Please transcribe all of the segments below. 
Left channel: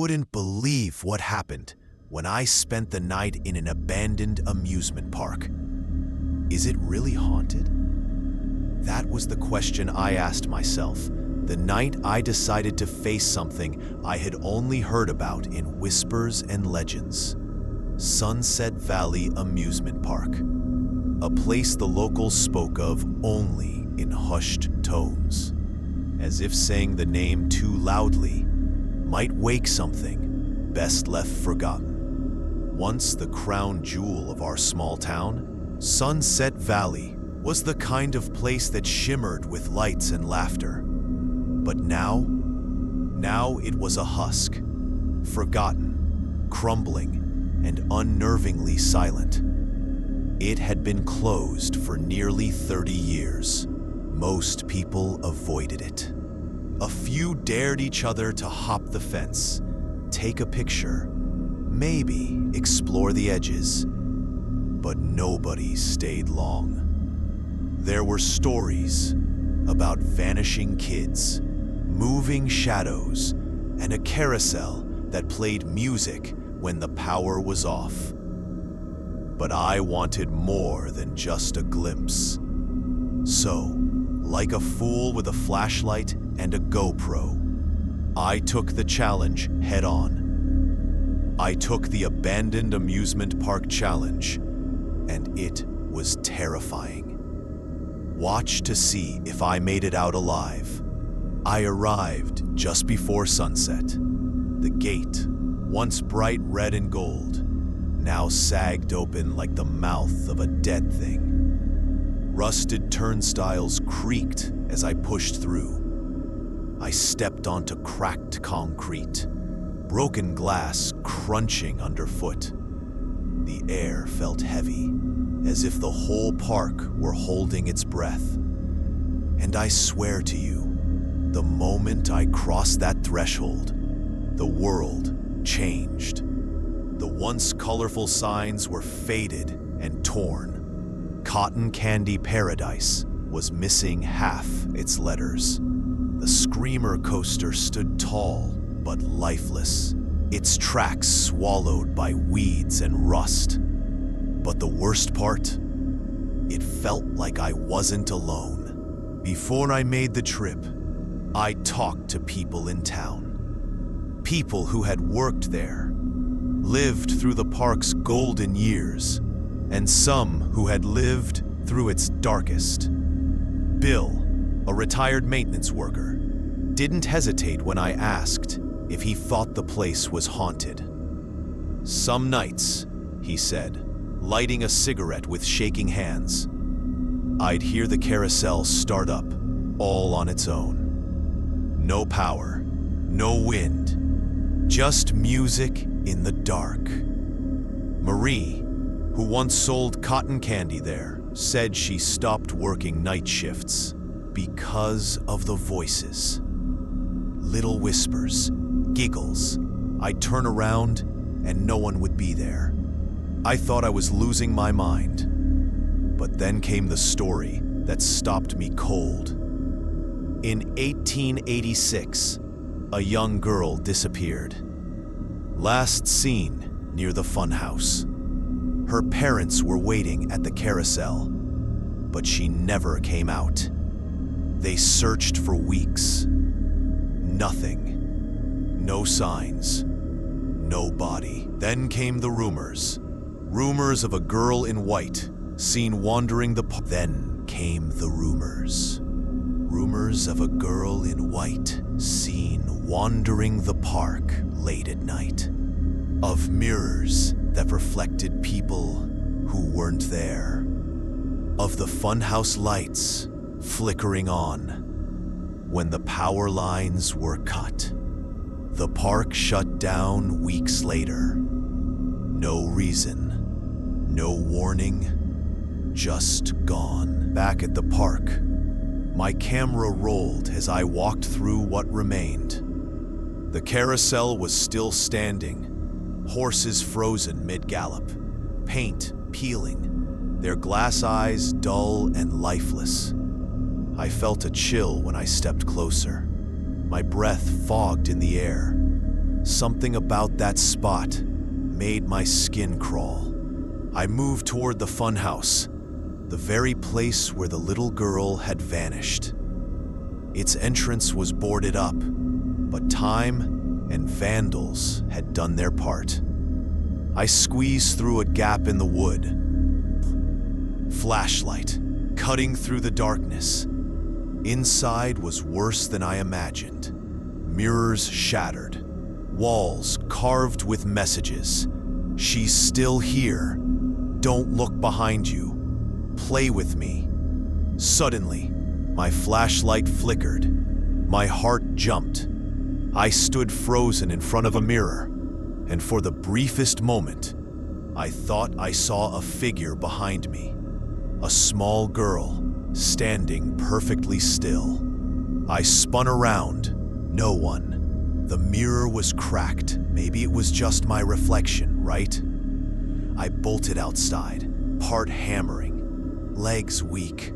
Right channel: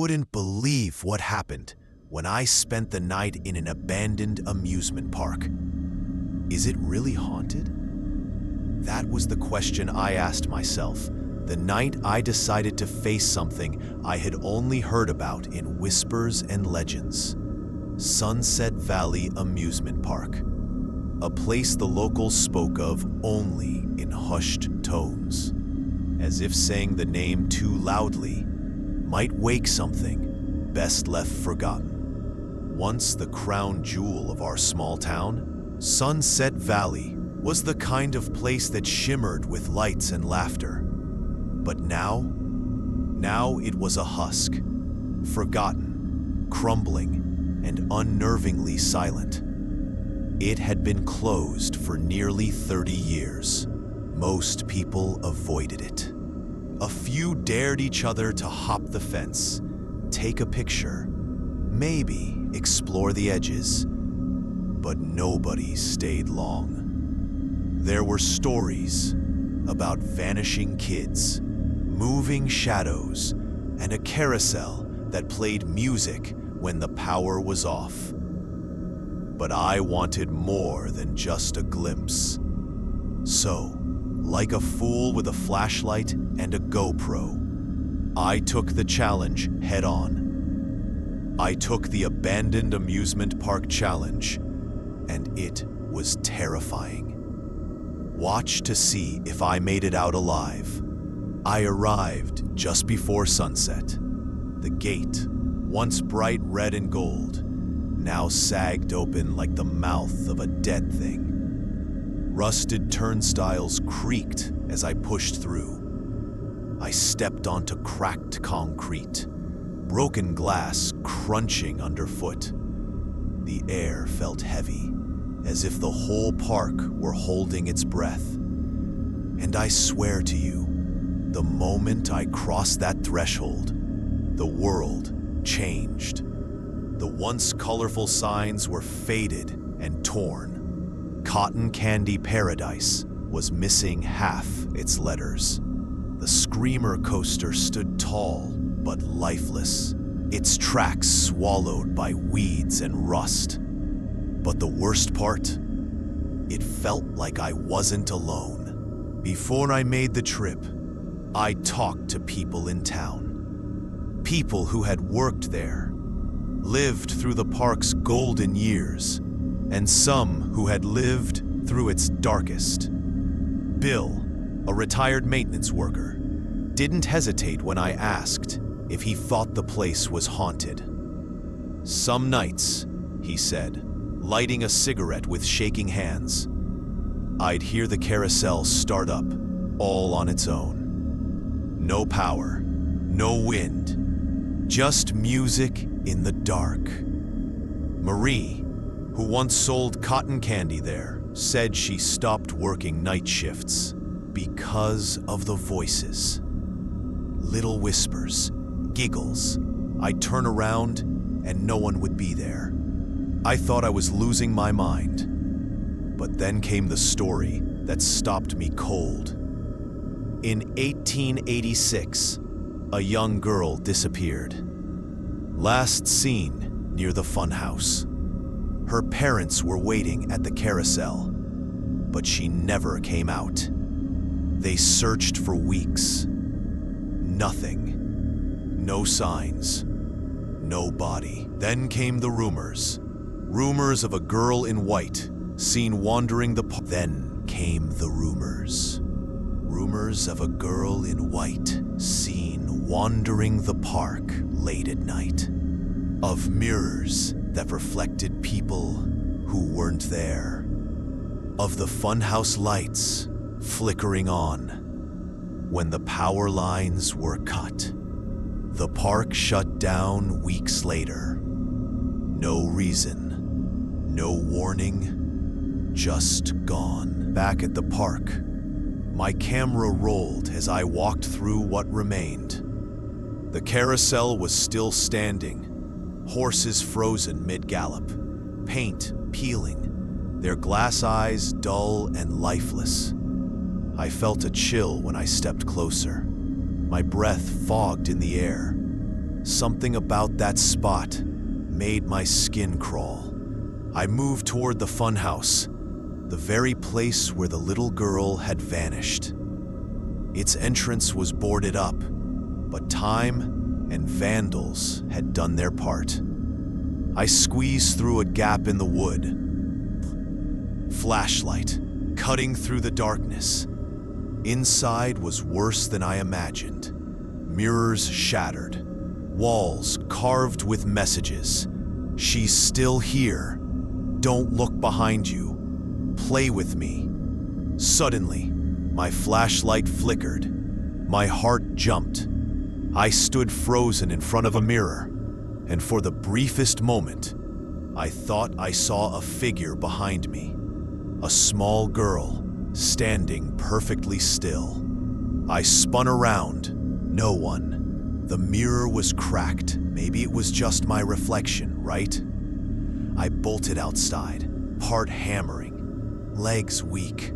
wouldn't believe what happened when I spent the night in an abandoned amusement park. Is it really haunted? That was the question I asked myself the night I decided to face something I had only heard about in whispers and legends. Sunset Valley Amusement Park, a place the locals spoke of only in hushed tones, as if saying the name too loudly might wake something best left forgotten. Once the crown jewel of our small town, Sunset Valley was the kind of place that shimmered with lights and laughter. But now it was a husk, forgotten, crumbling, and unnervingly silent. It had been closed for nearly 30 years. Most people avoided it. A few dared each other to hop the fence, take a picture, maybe explore the edges, but nobody stayed long. There were stories about vanishing kids, moving shadows, and a carousel that played music when the power was off. But I wanted more than just a glimpse. So, like a fool with a flashlight and a GoPro, I took the challenge head on. I took the Abandoned Amusement Park Challenge, and it was terrifying. Watch to see if I made it out alive. I arrived just before sunset. The gate, once bright red and gold, now sagged open like the mouth of a dead thing. Rusted turnstiles creaked as I pushed through. I stepped onto cracked concrete, broken glass crunching underfoot. The air felt heavy, as if the whole park were holding its breath. And I swear to you, the moment I crossed that threshold, the world changed. The once colorful signs were faded and torn. Cotton Candy Paradise was missing half its letters. The Screamer coaster stood tall but lifeless, its tracks swallowed by weeds and rust. But the worst part? It felt like I wasn't alone. Before I made the trip, I talked to people in town. People who had worked there, lived through the park's golden years, and some who had lived through its darkest. Bill, a retired maintenance worker, didn't hesitate when I asked if he thought the place was haunted. Some nights, he said, lighting a cigarette with shaking hands, I'd hear the carousel start up, all on its own. No power, no wind, just music in the dark. Marie, who once sold cotton candy there, said she stopped working night shifts because of the voices. Little whispers, giggles. I'd turn around and no one would be there. I thought I was losing my mind. But then came the story that stopped me cold. In 1886, a young girl disappeared. Last seen near the funhouse. Her parents were waiting at the carousel, but she never came out. They searched for weeks. Nothing. No signs. No body. Then came the rumors. Rumors of a girl in white seen wandering the park. Then came the rumors. Rumors of a girl in white seen wandering the park late at night. Of mirrors that reflected people who weren't there. Of the funhouse lights flickering on when the power lines were cut. The park shut down weeks later. No reason, no warning, just gone. Back at the park, my camera rolled as I walked through what remained. The carousel was still standing, horses frozen mid-gallop, paint peeling, their glass eyes dull and lifeless. I felt a chill when I stepped closer. My breath fogged in the air. Something about that spot made my skin crawl. I moved toward the funhouse, the very place where the little girl had vanished. Its entrance was boarded up, but time and vandals had done their part. I squeezed through a gap in the wood. Flashlight cutting through the darkness. Inside was worse than I imagined. Mirrors shattered, walls carved with messages. She's still here. Don't look behind you. Play with me. Suddenly, my flashlight flickered. My heart jumped. I stood frozen in front of a mirror, and for the briefest moment, I thought I saw a figure behind me. A small girl, standing perfectly still. I spun around. No one. The mirror was cracked. Maybe it was just my reflection, right? I bolted outside, part hammering, legs weak.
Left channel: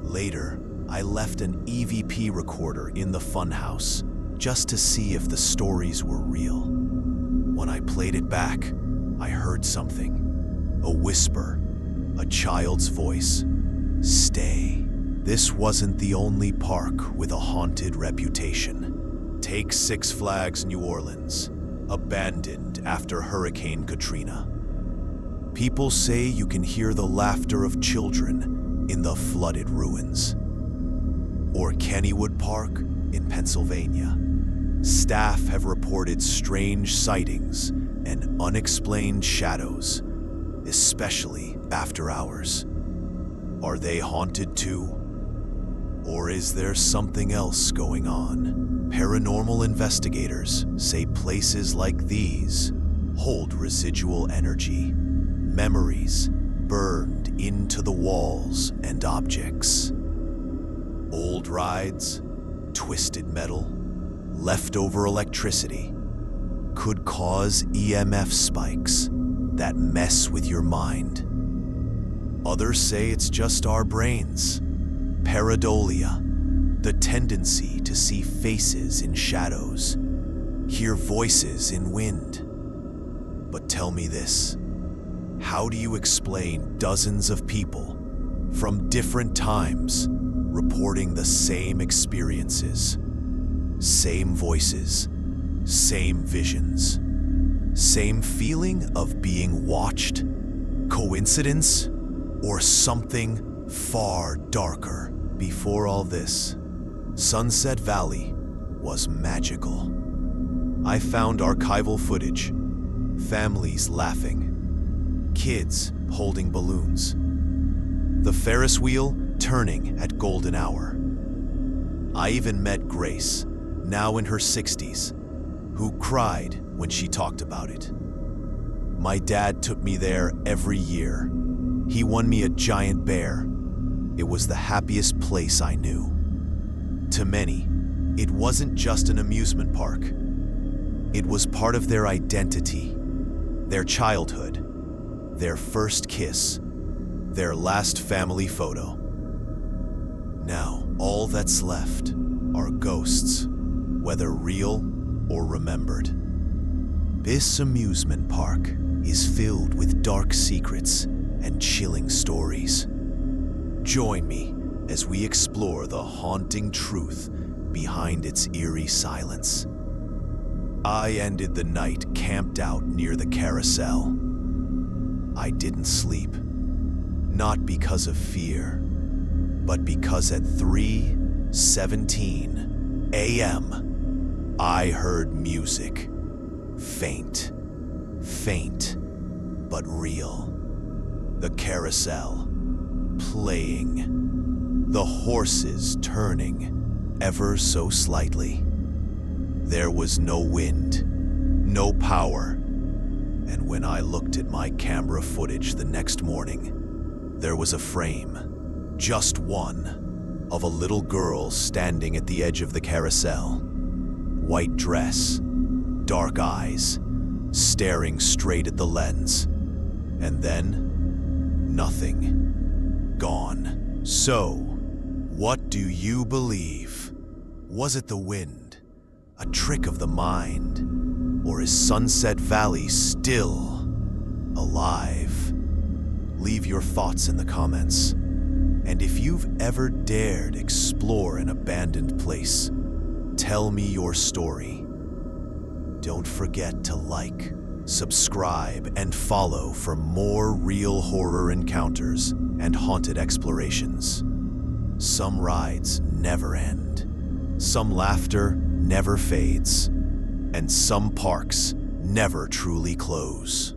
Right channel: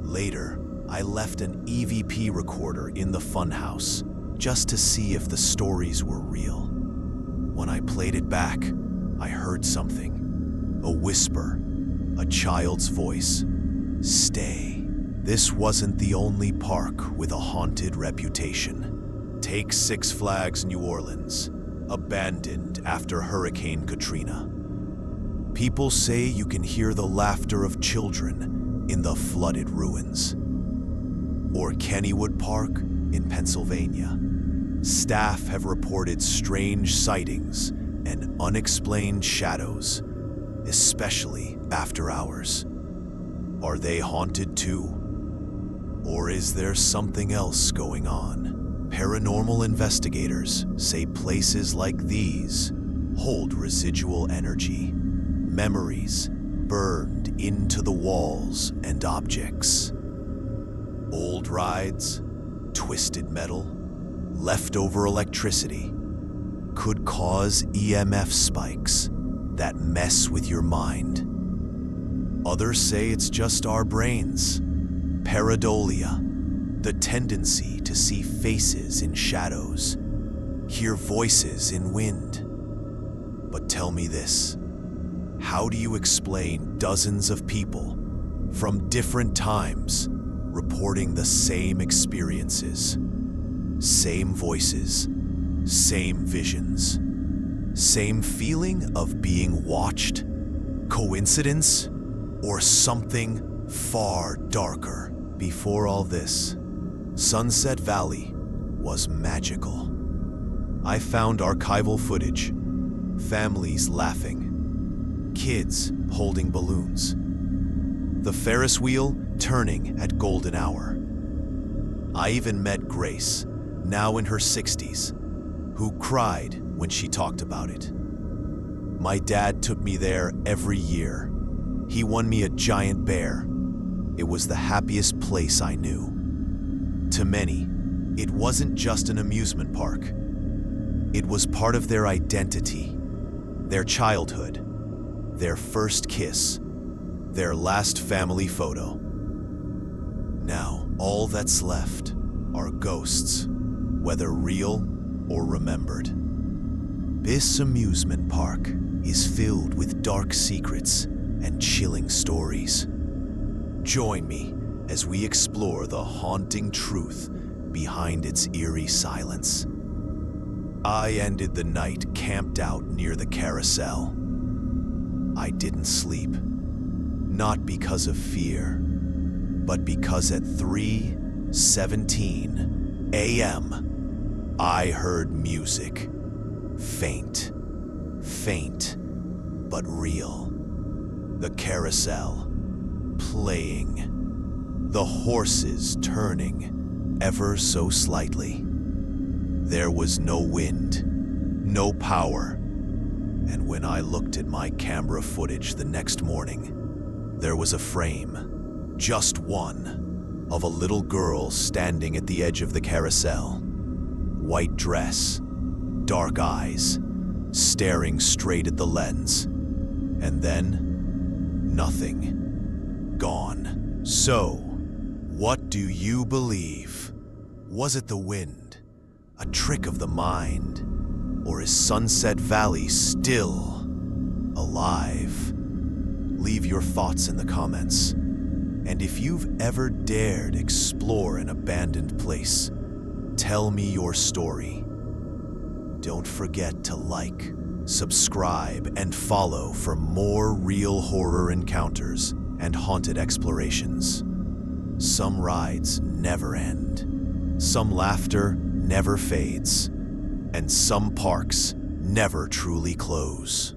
Later, I left an EVP recorder in the funhouse just to see if the stories were real. When I played it back, I heard something. A whisper, a child's voice. Stay. This wasn't the only park with a haunted reputation. Take Six Flags New Orleans, abandoned after Hurricane Katrina. People say you can hear the laughter of children in the flooded ruins. Or Kennywood Park in Pennsylvania. Staff have reported strange sightings and unexplained shadows, especially after hours. Are they haunted too? Or is there something else going on? Paranormal investigators say places like these hold residual energy, memories burned into the walls and objects. Old rides, twisted metal, leftover electricity could cause EMF spikes that mess with your mind. Others say it's just our brains. Pareidolia, the tendency to see faces in shadows, hear voices in wind. But tell me this, how do you explain dozens of people from different times reporting the same experiences, same voices, same visions, same feeling of being watched? Coincidence or something far darker? Before all this, Sunset Valley was magical. I found archival footage, families laughing, kids holding balloons, the Ferris wheel turning at golden hour. I even met Grace, now in her 60s, who cried when she talked about it. My dad took me there every year. He won me a giant bear. It was the happiest place I knew. To many, it wasn't just an amusement park. It was part of their identity, their childhood, their first kiss, their last family photo. Now, all that's left are ghosts, whether real or remembered. This amusement park is filled with dark secrets and chilling stories. Join me as we explore the haunting truth behind its eerie silence. I ended the night camped out near the carousel. I didn't sleep, not because of fear, but because at 3:17 a.m., I heard music. Faint, but real. The carousel playing, the horses turning ever so slightly. There was no wind, no power, and when I looked at my camera footage the next morning, there was a frame, just one, of a little girl standing at the edge of the carousel. White dress, dark eyes, staring straight at the lens. And then, nothing. Gone. So, what do you believe? Was it the wind? A trick of the mind? Or is Sunset Valley still alive? Leave your thoughts in the comments. And if you've ever dared explore an abandoned place, tell me your story. Don't forget to like, subscribe, and follow for more real horror encounters and haunted explorations. Some rides never end. Some laughter never fades. And some parks never truly close.